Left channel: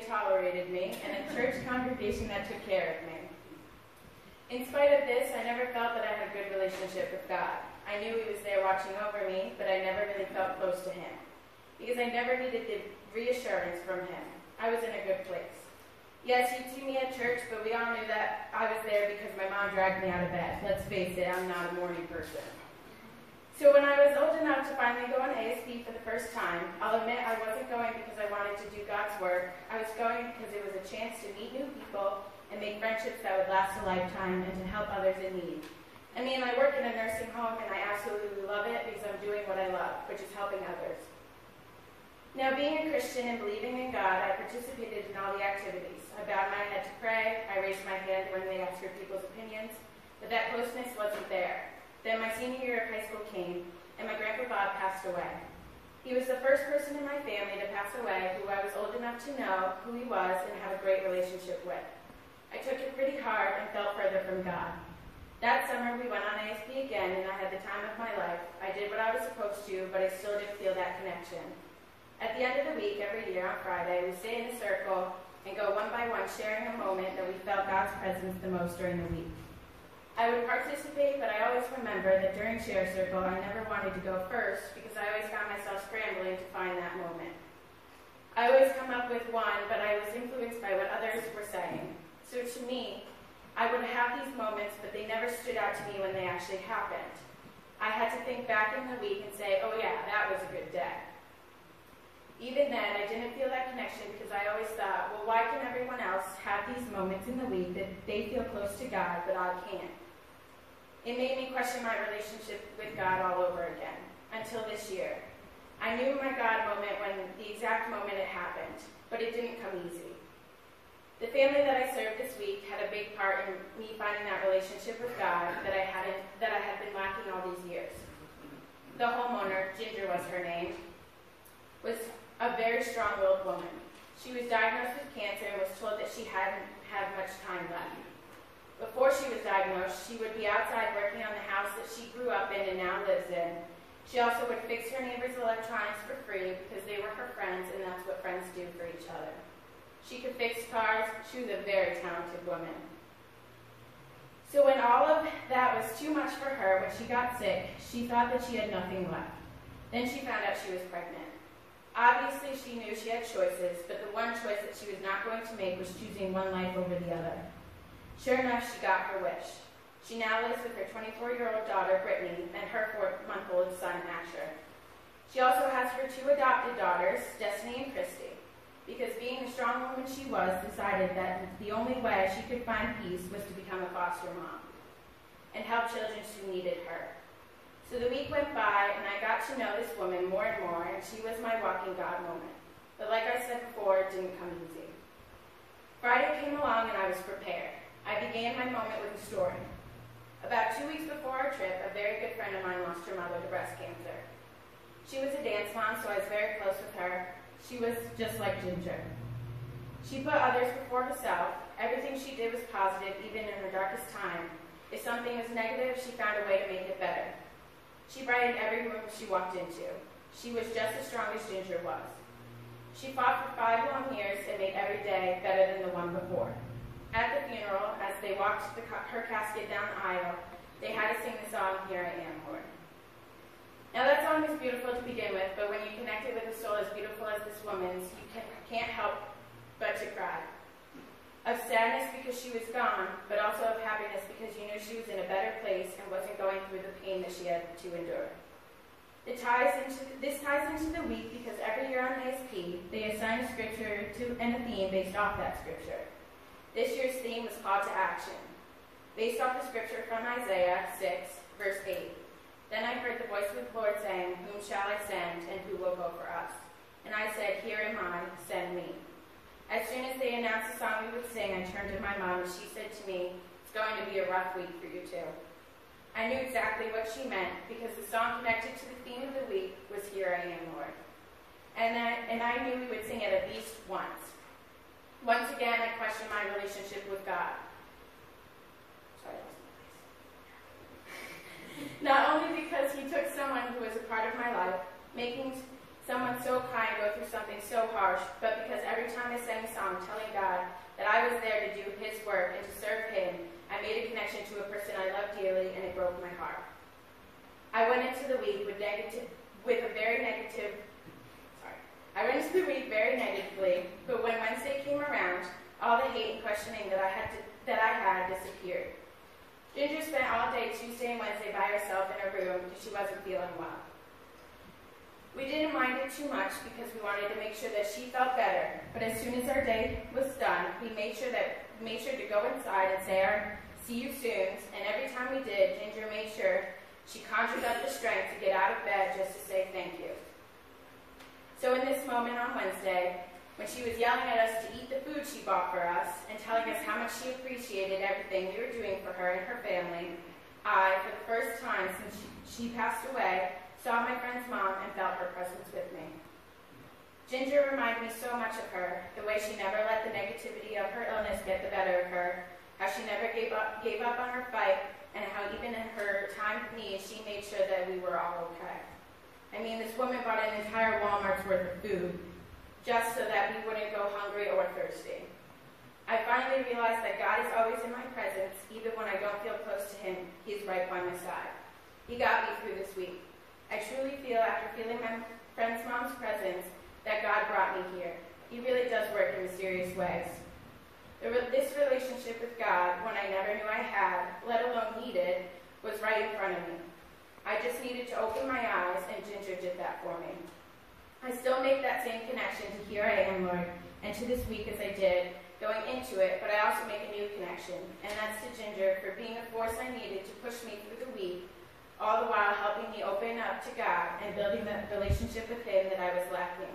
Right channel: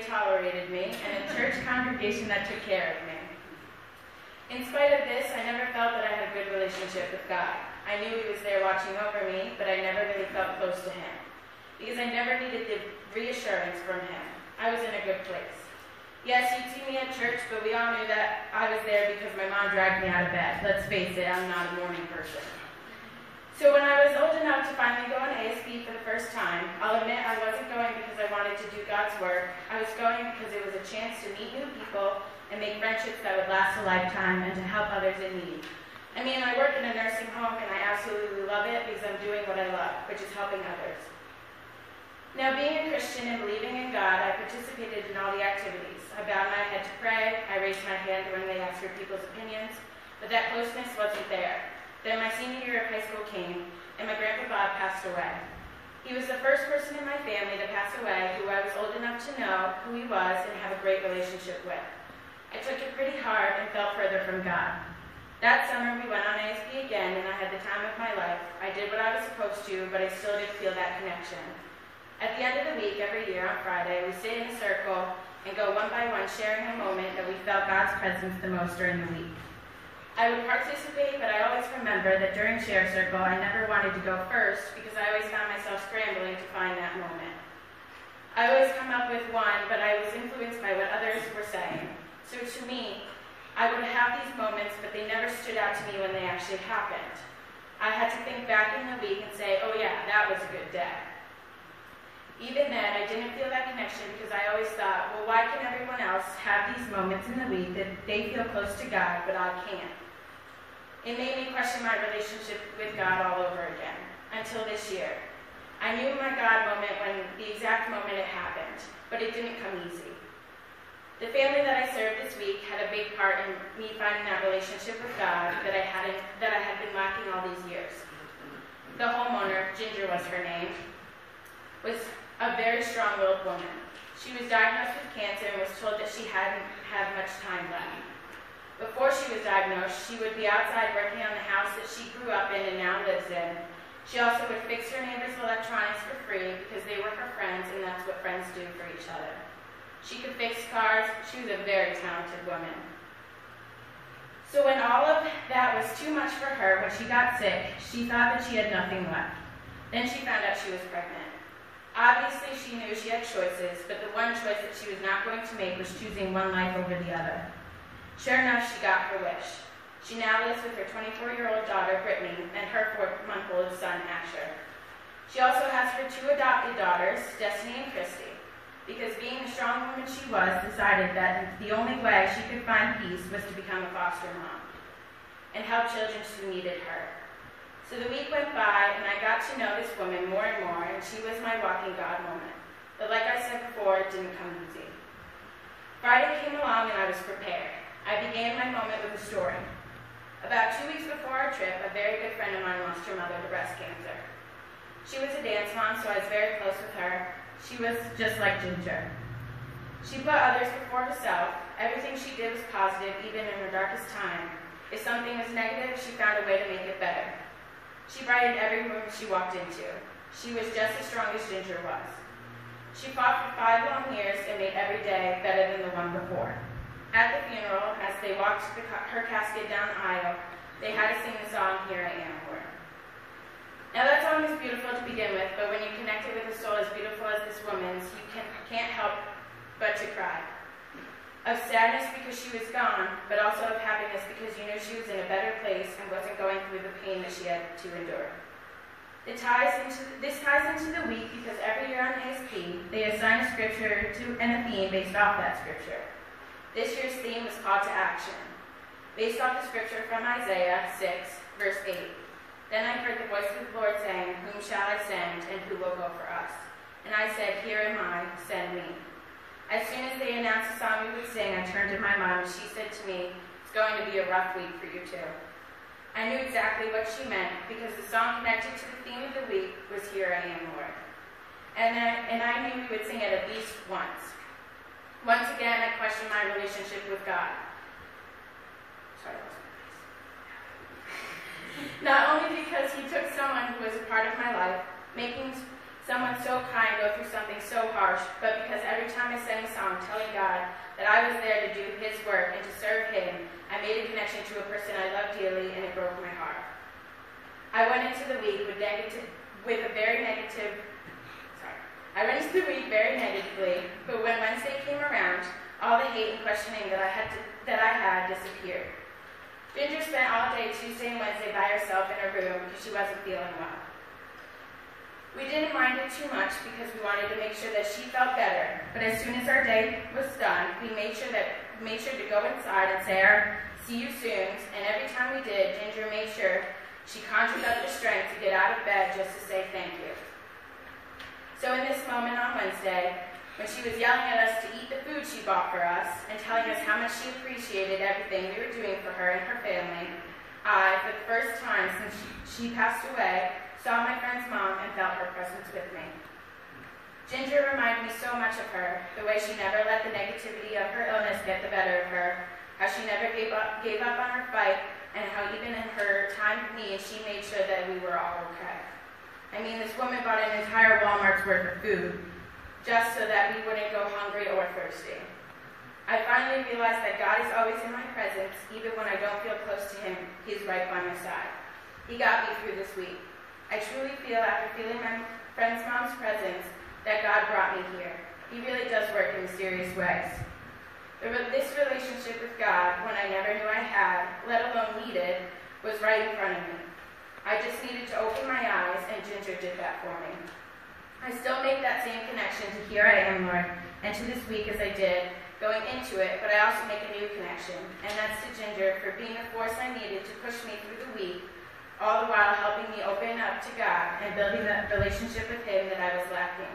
they tolerated me, and a church congregation that took care of me. In spite of this, I never felt that I had a good relationship with God. I knew He was there watching over me, but I never really felt close to Him, because I never needed the reassurance from Him. I was in a good place. Yes, you'd see me at church, but we all knew that I was there because my mom dragged me out of bed. Let's face it, I'm not a morning person. So when I was old enough to finally go on ASP for the first time, I'll admit I wasn't going because I wanted to do God's work. I was going because it was a chance to meet new people and make friendships that would last a lifetime and to help others in need. I mean, I work in a nursing home and I absolutely love it because I'm doing what I love, which is helping others. Now, being a Christian and believing in God, I participated in all the activities. I bowed my head to pray, I raised my hand when they asked for people's opinions, but that closeness wasn't there. Then my senior year of high school came, and my grandpa Bob passed away. He was the first person in my family to pass away who I was old enough to know who he was and have a great relationship with. I took it pretty hard and felt further from God. That summer, we went on ASP again, and I had the time of my life. I did what I was supposed to, but I still didn't feel that connection. At the end of the week, every year on Friday, we stay in a circle and go one by one sharing a moment that we felt God's presence the most during the week. I would participate, but I always remember that during Share Circle, I never wanted to go first because I always found myself scrambling to find that moment. I always come up with one, but I was influenced by what others were saying. So to me, I would have these moments, but they never stood out to me when they actually happened. I had to think back in the week and say, oh yeah, that was a good day. Even then, I didn't feel that connection because I always thought, well, why can everyone else have these moments in the week that they feel close to God, but I can't? It made me question my relationship with God all over again, until this year. I knew my God moment when the exact moment it happened, but it didn't come easy. The family that I served this week had a big part in me finding that relationship with God that I had been lacking all these years. The homeowner, Ginger was her name, was a very strong-willed woman. She was diagnosed with cancer and was told that she hadn't had much time left. Before she was diagnosed, she would be outside working on the house that she grew up in and now lives in. She also would fix her neighbors' electronics for free because they were her friends and that's what friends do for each other. She could fix cars. She was a very talented woman. So when all of that was too much for her, when she got sick, she thought that she had nothing left. Then she found out she was pregnant. Obviously, she knew she had choices, but the one choice that she was not going to make was choosing one life over the other. Sure enough, she got her wish. She now lives with her 24-year-old daughter, Brittany, and her 4-month-old son, Asher. She also has her 2 adopted daughters, Destiny and Christy, because being the strong woman she was, decided that the only way she could find peace was to become a foster mom and help children who needed her. So the week went by, and I got to know this woman more and more, and she was my walking God moment. But like I said before, it didn't come easy. Friday came along, and I was prepared. I began my moment with a story. About 2 weeks before our trip, a very good friend of mine lost her mother to breast cancer. She was a dance mom, so I was very close with her. She was just like Ginger. She put others before herself. Everything she did was positive, even in her darkest time. If something was negative, she found a way to make it better. She brightened every room she walked into. She was just as strong as Ginger was. She fought for 5 long years and made every day better than the one before. At the funeral, as they walked her casket down the aisle, they had to sing the song, Here I Am, Lord. Now that song is beautiful to begin with, but when you connect it with a soul as beautiful as this woman's, you can't help but to cry. Of sadness because she was gone, but also of happiness because you knew she was in a better place and wasn't going through the pain that she had to endure. This ties into the week because every year on ASP, they assign a scripture and a theme based off that scripture. This year's theme was Call to Action, based off the scripture from Isaiah 6, verse 8. Then I heard the voice of the Lord saying, Whom shall I send, and who will go for us? And I said, Here am I, send me. As soon as they announced the song we would sing, I turned to my mom and she said to me, It's going to be a rough week for you too. I knew exactly what she meant because the song connected to the theme of the week was Here I Am, Lord. And I knew we would sing it at least once. Once again, I questioned my relationship with God. Sorry, I lost my place. Not only because he took someone who was a part of my life, making someone so kind go through something so harsh, but because every time I sang a song telling God that I was there to do his work and to serve him, I made a connection to a person I love dearly, and it broke my heart. I went into the week very negatively, but when Wednesday came around, all the hate and questioning that I had disappeared. Ginger spent all day Tuesday and Wednesday by herself in her room because she wasn't feeling well. We didn't mind it too much because we wanted to make sure that she felt better, but as soon as our day was done, we made sure to go inside and say our "see you soon," and every time we did, Ginger made sure she conjured up the strength to get out of bed just to say thank you. So in this moment on Wednesday, when she was yelling at us to eat the food she bought for us and telling us how much she appreciated everything we were doing for her and her family, I, for the first time since she passed away, saw my friend's mom and felt her presence with me. Ginger reminded me so much of her, the way she never let the negativity of her illness get the better of her, how she never gave up on her fight, and how even in her time of need, she made sure that we were all okay. I mean, this woman bought an entire Walmart's worth of food just so that we wouldn't go hungry or thirsty. I finally realized that God is always in my presence, even when I don't feel close to him. He's right by my side. He got me through this week. I truly feel, after feeling my friend's mom's presence, that God brought me here. He really does work in mysterious ways. This relationship with God, when I never knew I had, let alone needed, was right in front of me. I just needed to open my eyes, and Ginger did that for me. I still make that same connection to "Here I am, Lord," and to this week as I did, going into it, but I also make a new connection, and that's to Ginger for being the force I needed to push me through the week, all the while helping me open up to God and building that relationship with him that I was lacking.